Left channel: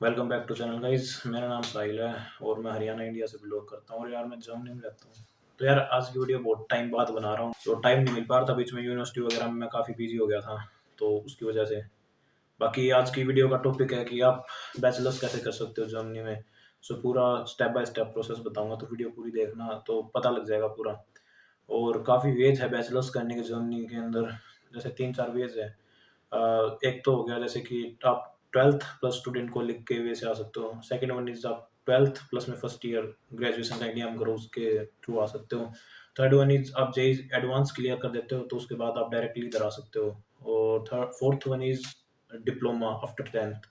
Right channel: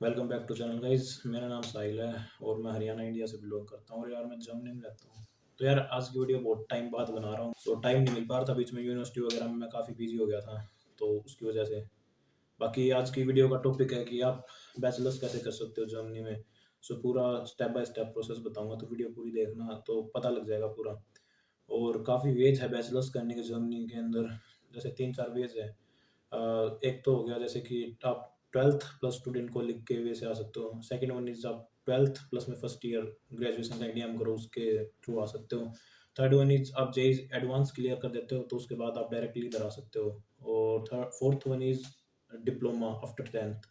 Welcome back to channel guys. मेरा नाम साहिल है और मैं हरियाणा इंडिया से बिलोंग करता हूँ और यार मैं जर्मनी में रहता हूँ। तो यार आज की वीडियो बहुत टाइम बाद बना रहा हूँ, तो टाइम नहीं मिल पा रहा था, बीच में यूनिवर्सिटी वगैरह में मैं काफ़ी बिजी हो गया था, तो उसकी वजह से। बाकी आज की वीडियो का टॉपिक है कि आप बैचलर्स कैसे कर सकते हो जर्मनी में। सो पूरा स्टेप बाय स्टेप प्रोसेस बताऊंगा, तो वीडियो पूरी देखना तो पता लग जाएगा पूरा। और काफ़ी वेज है बैचलर्स करने के जर्मनी के अंदर। जैसे तीन चार वेज है। एक तो हो गया जैसे कि आप 12th प्लस स्टूडेंट को लिख के वे से आ सकते हो। सेकंड वन इज आप 12th प्लस में फर्स्ट ईयर ग्रेजुएशन का एग्जाम करो, उसके थ्रू आ सकते हो। थर्ड वन इज आप जेई एडवांस क्लियर कर देते हो तो उसके बाद आप डायरेक्टली इधर आ सकते हो। और third fourth one is diploma after 10th।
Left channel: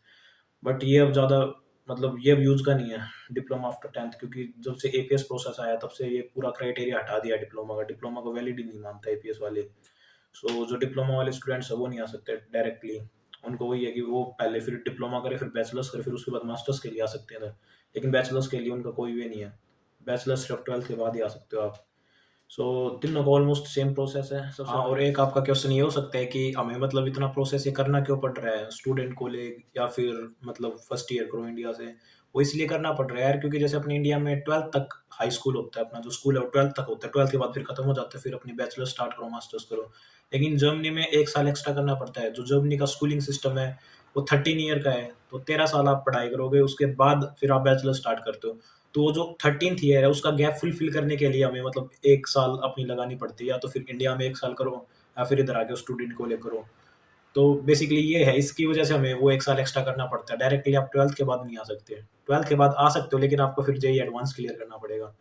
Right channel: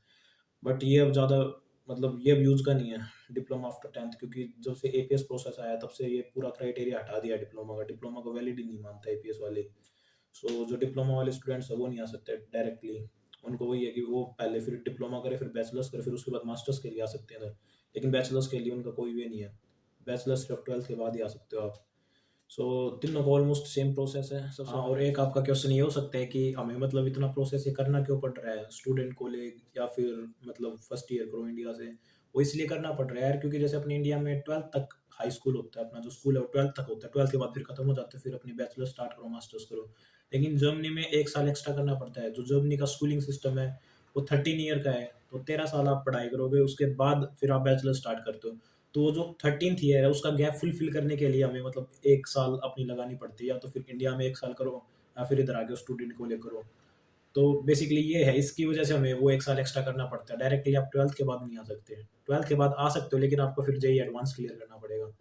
But ये अब ज़्यादा मतलब ये अब यूज़ का नहीं है डिप्लोमा आफ्टर 10th, क्योंकि जब से एपीएस प्रोसेस आया तब से ये पूरा क्राइटेरिया हटा दिया डिप्लोमा का। डिप्लोमा को वैलिड ही नहीं मानता एपीएस वाले। सो जो डिप्लोमा वाले स्टूडेंट्स हैं वो नहीं आ सकते डायरेक्टली। उनको वही है कि वो पहले फिर डिप्लोमा करे, फिर बैचलर्स करे, फिर उसके बाद मास्टर्स के लिए आ सकते हैं। लेकिन बैचलर्स के लिए उनका कोई वे नहीं है। बैचलर्स सिर्फ 12th के बाद ही आ सकते हो आप। सो तीनों का ऑलमोस्ट सेम प्रोसेस है। सबसे हाँ, और एक आपका क्वेश्चन ये हो सकता है कि हमें मतलब इतना प्रोसेस ये करना क्यों पड़ रहा है स्टूडेंट को ले, या फिर मतलब फर्स्ट ईयर करो इंडिया से। वो इसलिए करना पड़ रहा है यार, क्योंकि जैसे अपने इंडिया में 12th तक हाई स्कूल होता है, अपना जो स्कूल है वो 12th तक होता है। 12th के बाद फिर खत्म हो जाता है, फिर अपनी बैचलर स्टार्ट करो, मास्टर्स करो। लेकिन जर्मनी में एक साल एक्स्ट्रा करना पड़ता है। जो जर्मनी का स्कूलिंग सिस्टम है वो 13 ईयर का है, तो 13 साल आप पढ़ाई करोगे, उसके बाद फिर आप बैचलर स्टार्ट करते हो। तो वो जो 13th ईयर है उसका गैप फुलफिल करने के लिए हमें मतलब एक साल अपनी लगानी पड़ती है। या तो फिर इंडिया में एक साल करो, या फिर इधर आके स्टूडेंट को ले करो। तो बेसिकली ये है, इसकी वजह से हमें वो एक साल एक्स्ट्रा करना पड़ता है। डायरेक्टली आप 12th के बाद नहीं आ सकते। 12th के बाद आ सकते हो, लेकिन आपको फिर जेई एडवांस क्लियर करना पड़ेगा।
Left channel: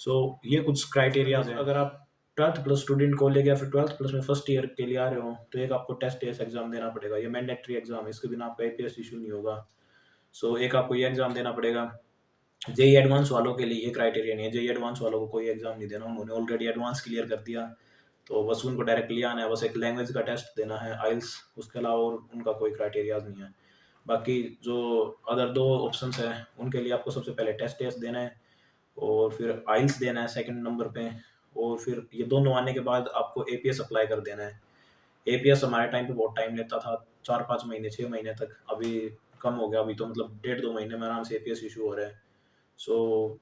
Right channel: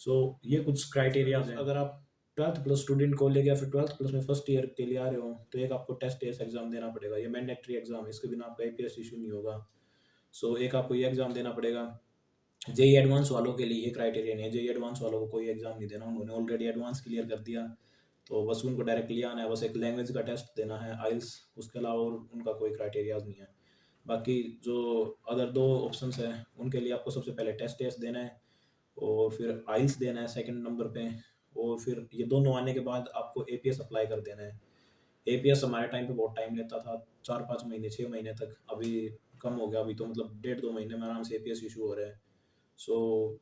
सो ये कुछ क्राइटेरियाज हैं। अगर आप 12th प्लस स्टूडेंट को ले गया, फिर 12th प्लस में फर्स्ट ईयर के लिए आ रहे हो, तो एक आपको टेस्ट एस एग्जाम देना पड़ेगा। ये मैंडेटरी एग्जाम है, इसके बिना आपका एपीएस इशू नहीं होगा। सो एक आपको ये एग्जाम देना पड़ेगा। जेई एडवांस वालों के लिए ये क्राइटेरिया नहीं है। जेई एडवांस वालों को कोई एग्जाम नहीं देना, उन्होंने ऑलरेडी एडवांस क्लियर कर दिया। तो बस उनको डायरेक्टली आना है, बस एक लैंग्वेज का टेस्ट देना है, आइल्स। उसके अलावा और उनका कोई क्राइटेरिया नहीं है। बाकी जो अदर दो ऑप्शंस हैं उनके लिए आपको सबसे पहले टेस्ट देना है, और फिर आइल्स देना है सेकंड नंबर पे। और फिर ये दोनों आने के बाद आपको एपीएस अप्लाई कर देना है। एपीएस हमारे टाइम पे बहुत टाइम लेता था, 4-5 महीने 6 महीने तक। अभी कम हो गया, अभी तो मतलब 1.5-2 महीने में आराम से एपीएस इशू हो रहा है। सो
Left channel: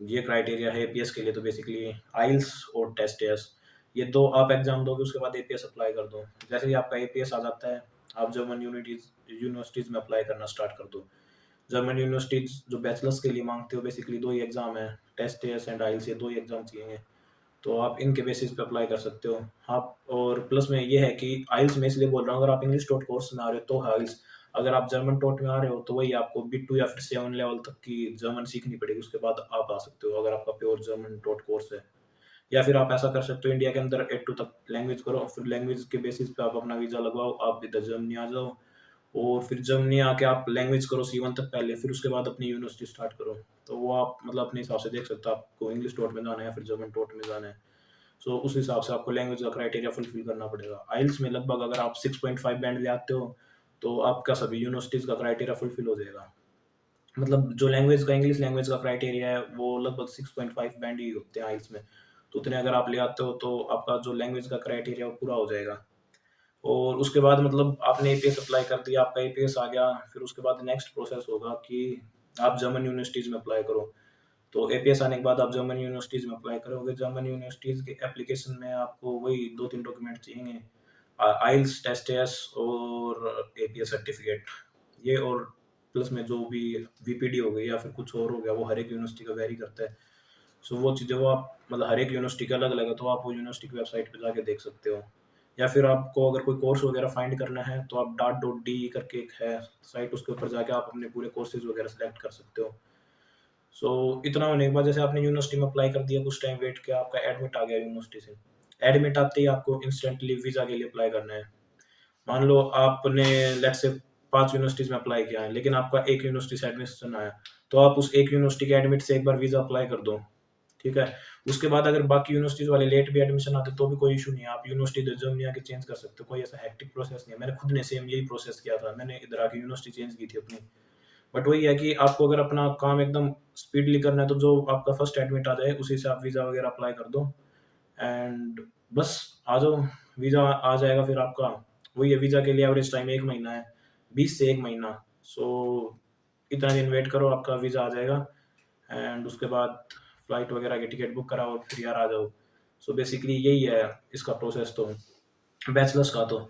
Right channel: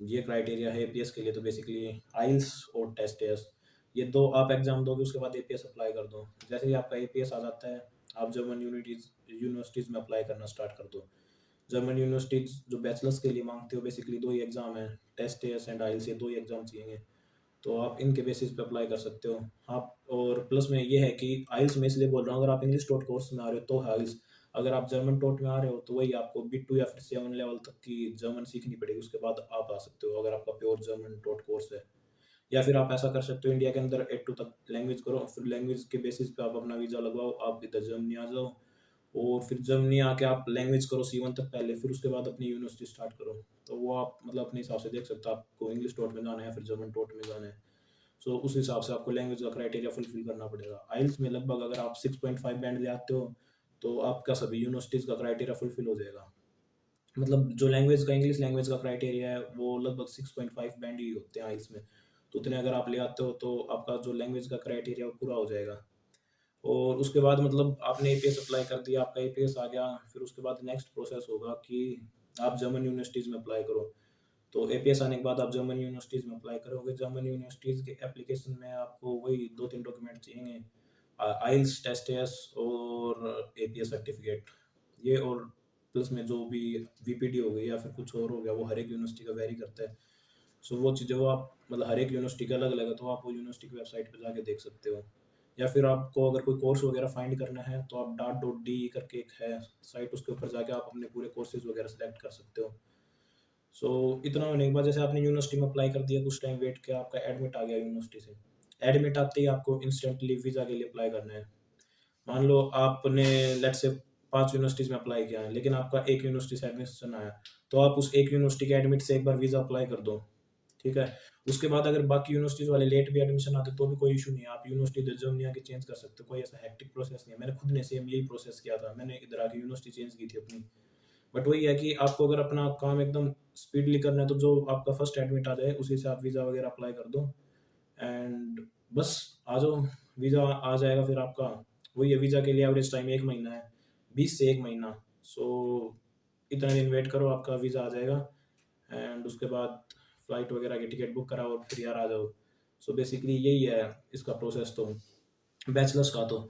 ये क्राइटेरिया है एपीएस के लिए। तो बेसिकली आइल्स और टेस्ट एस, ये दो आप एग्जाम दोगे, उसके बाद एपीएस अप्लाई कर दो। जैसे ही आपका एपीएस आ जाता है, आप जर्मन यूनिवर्सिटीज में अप्लाई करना स्टार्ट कर दो। जर्मन यूनिवर्सिटीज जो बैचलर्स के लिए मांगते हो, बेसिकली दो ही एग्जाम है, टेस्ट एस एंड आइल्स, ये दो ही एग्जाम चाहिए। तो आप इनके बेसिस पे अप्लाई कर सकते हो आप। और प्लस में ये है कि आइल्स में इसलिए बोल रहा हूँ, अगर आप इंग्लिश टोट कोर्स में आ रहे हो तो आइल्स। अगर आप जर्मन टोट में आ रहे हो तो वही आपको B2 या फिर 7 लेवल तक की जर्मन सीखनी पड़ेगी, उसके बाद आप आ सकते हो, अगर आपका प्योर जर्मन टोट कोर्स है। या फिर आप ऐसा कर सकते हो, इंडिया के अंदर A2 तक लैंग्वेज करो, फिर लैंग्वेज के बेसिस पे आप अपना वीज़ा लगवाओ, आप इधर जर्मनी आ जाओ। और फिर जर्मनी आके आप लैंग्वेज करो C1 तक पहले, फिर उसके बाद अपनी यूनिवर्सिटी स्टार्ट करो। तो वो आप मतलब अपने हिसाब से देख सकते हो, आपको इंग्लिश टोट में जाना है फिर जर्मन टोट में जाना है। सो उस हिसाब से आपको लैंग्वेज का क्राइटेरिया फुलफिल करना पड़ेगा। आइल्स में लगभग अगर आप 6.5 बैंड ले आते हो, तो आपका सभी यूनिवर्सिटीज़ का क्राइटेरिया फुलफिल हो जाएगा। मतलब जो लैंग्वेज का, इंग्लिश लैंग्वेज का क्राइटेरिया है वो लगभग 6.5 बैंड ही होते हैं आइल्स में। तो उतने अगर आप ले आते हो तो आपका जो लैंग्वेज का क्राइटेरिया वो पूरा हो जाएगा। और उसके बाद मतलब आपने एपीएस अप्लाई कर दिया, आपका एपीएस आ गया, फिर उसके बाद नेक्स्ट प्रोसेस होगा कि आप जर्मन यूनिवर्सिटीज़ में अप्लाई करो। तो एपीएस आने के बाद आप जर्मन यूनिवर्सिटीज़ में अप्लाई करोगे। जर्मन यूनिवर्सिटीज़ के एप्लीकेशन में आपको वही 2-3 डॉक्यूमेंट चाहिए, आइल्स, टेस्ट एस और एपीएस सर्टिफिकेट। ये और प्लस में जो भी वीपीडी हो गई या फिर कुछ और हो गया, वो हर एक यूनिवर्सिटी का वेरी करता है। सो वो चीज़ें वो आप मतलब हर एक यूनिवर्सिटी का अलग अलग है, तो आप वो यूनिवर्सिटी की वेबसाइट पे जाके देख सकते हो। या फिर आपको अगर कोई कोर्स वगैरह फाइंड करना है तो आप .de करके एक है साइट, उसके ऊपर जाके आप अपने पूरे कोर्सेज वगैरह सेलेक्ट कर सकते हो। सो इतना होने के बाद जैसे आपने यूनिवर्सिटी में अप्लाई कर दिया, कुछ टाइम वेट किया, आपका एडमिट आ गया यूनिवर्सिटी से। एडमिट आते ही आपको इंस्टेंटली वीज़ा के लिए अप्लाई करना है। मान लो आपने लेट्स से 5 यूनिवर्सिटीज़ में अप्लाई किया है, लेकिन आपका एक यूनिवर्सिटी से एडमिशन आया, तो आप उस एक यूनिवर्सिटी के एडमिट से एक बार वीज़ा अप्लाई कर दो, ठीक है? उसके बाद अगर बाकी यूनिवर्सिटीज़ वाले लेट भी एडमिशन आते तो भी कोई इश्यू नहीं है, आप यूनिवर्सिटी इधर जर्मनी आके चेंज कर सकते हो, कोई ऐसा हेक्टिक प्रोसेस नहीं है। मैंने खुद ने सेम यही प्रोसेस किया था, मैंने इधर आके यूनिवर्सिटी चेंज की थी अपनी। बट वही है कि आपको अगर अपना काम एकदम स्पीडली करना है, तो जो आपका फर्स्ट एडमिट आ जाए उसी से आप वीज़ा वगैरह अप्लाई कर दो, एंड बस आ जाओ। वीज़ा आ जाएगा फिर आपका। वही है, वीज़ा के लिए एवरेज टाइम 1 महीना है, 20 से 1 महीना। सो इतना दिन वेट करो, आपका वीज़ा आ जाएगा एंड उसके बाद फ्लाइट वगैरह की टिकट बुक कराओ और फिर यार आ जाओ। सो बेसिकली यही है इसका प्रोसेस तो, बैचलर्स का तो।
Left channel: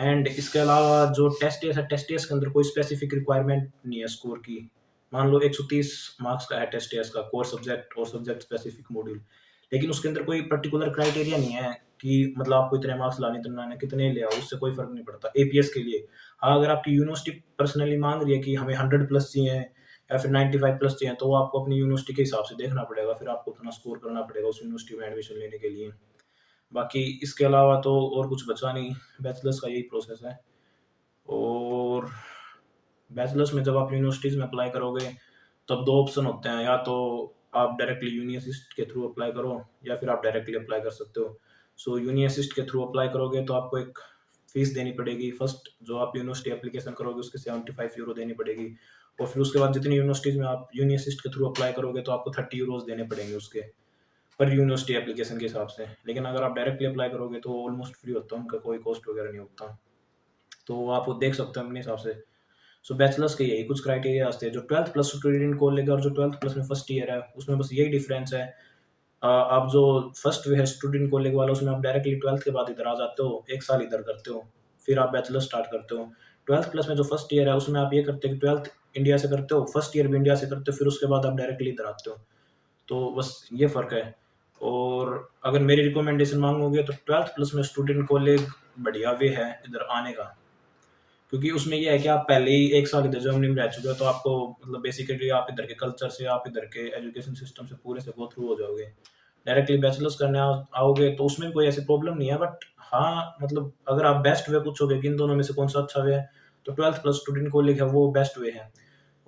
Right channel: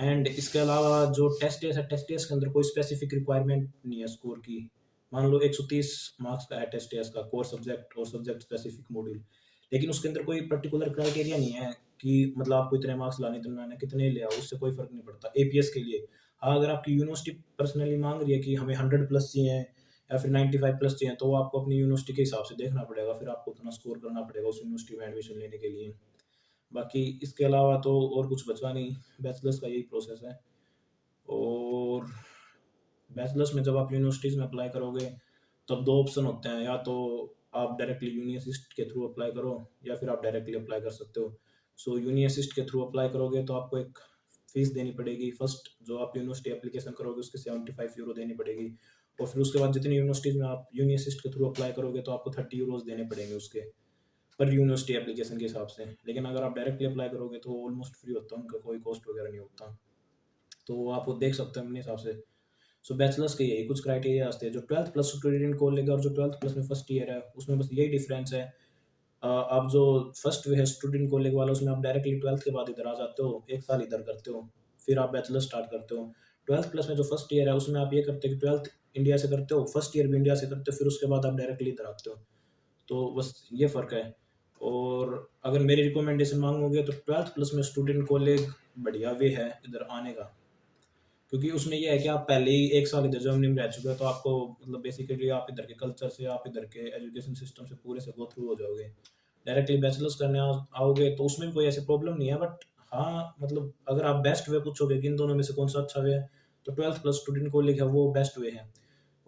एंड इसके अलावा जो टेस्ट है, टेस्ट के अंदर कोई स्पेसिफिक रिक्वायरमेंट नहीं है स्कोर की। मान लो 130 मार्क्स का है टेस्ट का, कोर सब्जेक्ट और सब्जेक्ट स्पेसिफिक मॉड्यूल, लेकिन उसके अंदर कोई पर्टिकुलर क्राइटेरिया नहीं है कि मतलब आपको इतने मार्क्स लाने, इतने लाने, कितने ले आओ, उससे कोई फर्क नहीं पड़ता एपीएस के लिए। हाँ, अगर आपकी यूनिवर्सिटी पर्सनली मांग रही है कि हमें 100 प्लस चाहिए या फिर 95 प्लस चाहिए, तो वो आपको अपनी यूनिवर्सिटी के हिसाब से देखना पड़ेगा, फिर आपको उतना स्कोर करना पड़ेगा उस यूनिवर्सिटी में एडमिशन लेने के लिए। बाकी इसके अलावा तो और कुछ बचा नहीं, बैचलर्स का यही प्रोसेस है। और बैचलर्स में जब आप यूनिवर्सिटीज़ में अप्लाई करोगे, तब 2 ऑप्शन होते हैं, या तो आप डायरेक्टली यूनि असिस्ट के थ्रू अप्लाई करो या फिर आप डायरेक्टली अप्लाई कर सकते हो। सो यूनि असिस्ट के थ्रू अप्लाई करोगे तो आपको एक फ़ीस देनी पड़ेगी। फर्स्ट जो आप यूनिवर्सिटी एप्लीकेशन करोगे उसकी 75 यूरो देनी पड़ेगी, और फिर उसके बाद जितनी यूनिवर्सिटीज़ में आप यूनि असिस्ट के थ्रू अप्लाई करोगे तो आपको 30 यूरोज़ देने पड़ेंगे उसके, पर यूनिवर्सिटी एप्लीकेशन के हिसाब से। लेकिन अगर आप डायरेक्टली अप्लाई करोगे तो ऑलमोस्ट फ्री होता है, उनका कोई कॉस्ट वगैरह नहीं होता। तो आप वो देख सकते हो अपने हिसाब से। सो बैचलर्स के यही कुछ क्राइटेरिया थे जो 12th प्लस स्टूडेंट को लेकर, और जो 12th प्लस में फर्स्ट ईयर है उसमें बस यही डिफरेंस है। आप जो फर्स्ट वे है स्टूडेंट कॉलेज वाला, उसमें आप डायरेक्टली 12th के बाद इधर आ जाते हो, 1 साल इधर करते हो, फिर आप बैचलर स्टार्ट करते हो। 12th प्लस में जो फर्स्ट ईयर है उसमें आप ये करते हो कि 12th इंडिया से करते हो, फर्स्ट ईयर भी इंडिया से करते हो, फिर उसके बाद आप डायरेक्टली इधर आते हो। तो बस ये फ़र्क है। और अगर मेरी रिकमेंडेशन माँगोगे तो 12th प्लस में स्टूडेंट कॉलेज बढ़िया वे है इधर आने का। क्योंकि उसमें ये है कि आप पहले ही 1 साल इधर जर्मनी में रह चुके हो, तो आपको मतलब बेसिकली आप इधर के कल्चर से, आप इधर के एजुकेशन सिस्टम से पूरे से गो थ्रू हो जाओगे। डायरेक्टली बैचलर्स करने आओगे तो उसमें कोई ऐसी प्रॉब्लम नहीं है, बट हाँ, मतलब अगर आप बेस्ट वे पूछोगे कि इन दोनों में से कौन सा अच्छा वे है, तो 12th प्लस स्टूडेंट कॉलेज है वो बेस्ट वे है।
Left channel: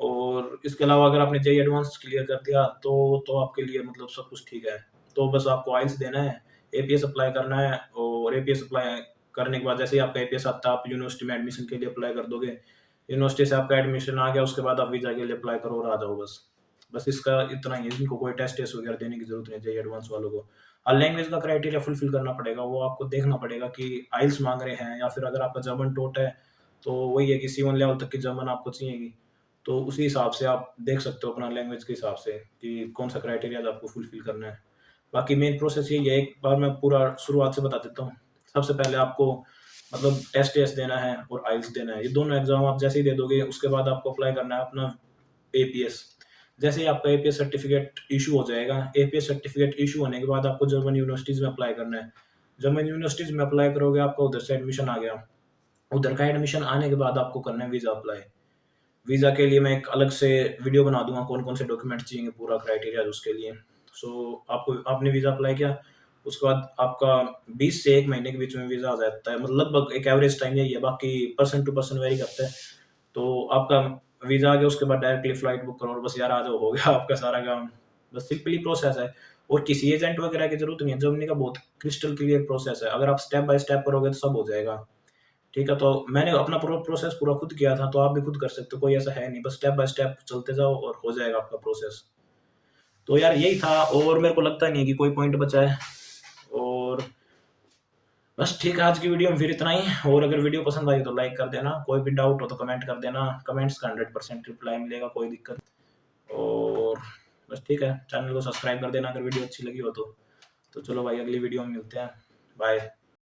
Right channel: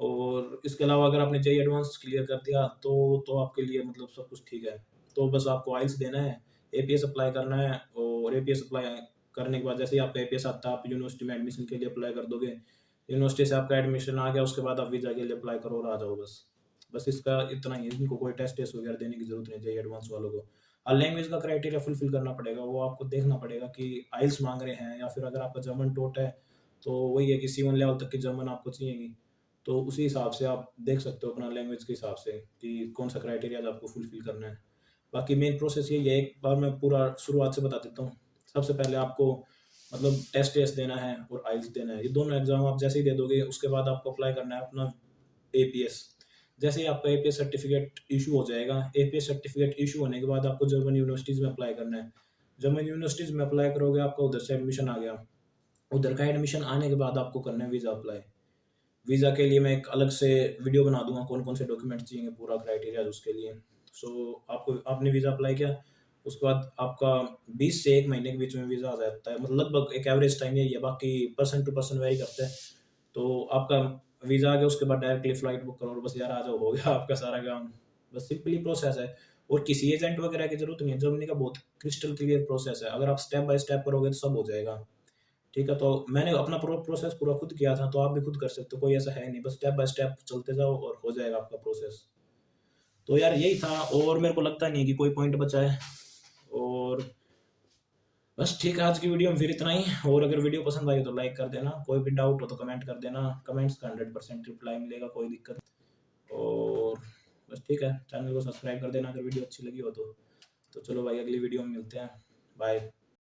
और इसके अलावा अगर आपने जेईई एडवांस क्लियर कर दिया तो आपके लिए मतलब सब कुछ ठीक है। तो बस आपको आइल्स देना है, एपीएस अप्लाई करना है, और एपीएस अप्लाई करने के बाद जैसे ही आपका एपीएस आता है, आप यूनिवर्सिटी में एडमिशन के लिए अप्लाई कर दोगे। यूनिवर्सिटी से आपका एडमिशन आ गया, उसके बाद आप वीज़ा के लिए अप्लाई करो और आ जाओ बस। बस इसका इतना ही है, इनको कोई टेस्ट वगैरह देने की ज़रूरत नहीं है जेईई एडवांस वालों को। हाँ, लैंग्वेज का क्राइटेरिया फुलफिल करना पड़ेगा, वो आपको देखना पड़ेगा कि आइल्स माँग रहे हैं या फिर अगर आपका जर्मन टोट है, तो वही है कि C1 लेवल तक की जर्मन आपको चाहिएगी। तो उसी हिसाब से आप देख सकते हो अपना लैंग्वेज के हिसाब से कि कौन सा क्राइटेरिया आपको फुलफिल करना है। बाकी मेन प्रोसेस यही है, एक बार मैं पूरा शुरुआत से बता देता हूँ। सबसे पहले आपको मतलब टेस्ट देना है और आइल्स देना है। ये दोनों एग्ज़ाम आप जैसे ही दे दोगे, उसके बाद आपको अप्लाई करना है अपना एपीएस। जैसे ही आपका एपीएस सर्टिफिकेट इशू हो जाएगा, एपीएस सर्टिफिकेट इशू होने के बाद आपको जर्मन यूनिवर्सिटीज़ में अप्लाई करना है। जर्मन यूनिवर्सिटीज़ में अप्लाई करोगे, आपका उधर से एडमिशन आ गया। उधर का एडमिशन आने के बाद आपको करना है वीज़ा अप्लाई। वीज़ा के लिए मैं एक अलग से वीडियो बना दूँगा, कौन-कौन से डॉक्यूमेंट चाहिए, पूरा क्राइटेरिया उसके लिए। सो आपको आपने वीज़ा अप्लाई किया, उसके बाद आपका 20 से 1 महीने के बीच में वीज़ा आ जाता है। मतलब लगभग एक एवरेज टाइम यही है, बाकी पर्सन टू पर्सन वेरी करता है। तो आपका वीज़ा आ गया, उसके बाद डायरेक्टली फ्लाइट बुक करो और बस यार आ जाओ, हो गया आपका सारा काम। बस सिंपली प्रोसेस है, और किसी एजेंट वगैरह की ज़रूरत नहीं है। जर्मनी का बहुत क्रिस्टल क्लियर प्रोसेस है, अगर आप स्टेप बाय स्टेप करोगे तो सब हो जाएगा। ठीक है, तो मैंने अपना प्रोसेस पूरा खुद किया था, तो आप भी खुद कर सकते हो, कोई ऐसा है नहीं, बस स्टेप बाय स्टेप चलते जाओ और हो जाएगा आपका प्रोसेस। तो यार यही था, और मेरे को लगता नहीं है कि कोई पॉइंट बचा है। और बस ठीक है, आज की वीडियो में फिर इतना ही। और अगर वीडियो पसंद आई तो लाइक कर देना, कोई भी डाउट हो तो कमेंट कर देना, कमेंट्स का 100% रिप्लाई मिलेगा, कोई दिक्कत नहीं। और बस ठीक है, चैनल को सब्सक्राइब कर देना अगर वीडियो अच्छी लगी हो तो। चलो भाई, अगली वीडियो में मिलते हैं, बाय।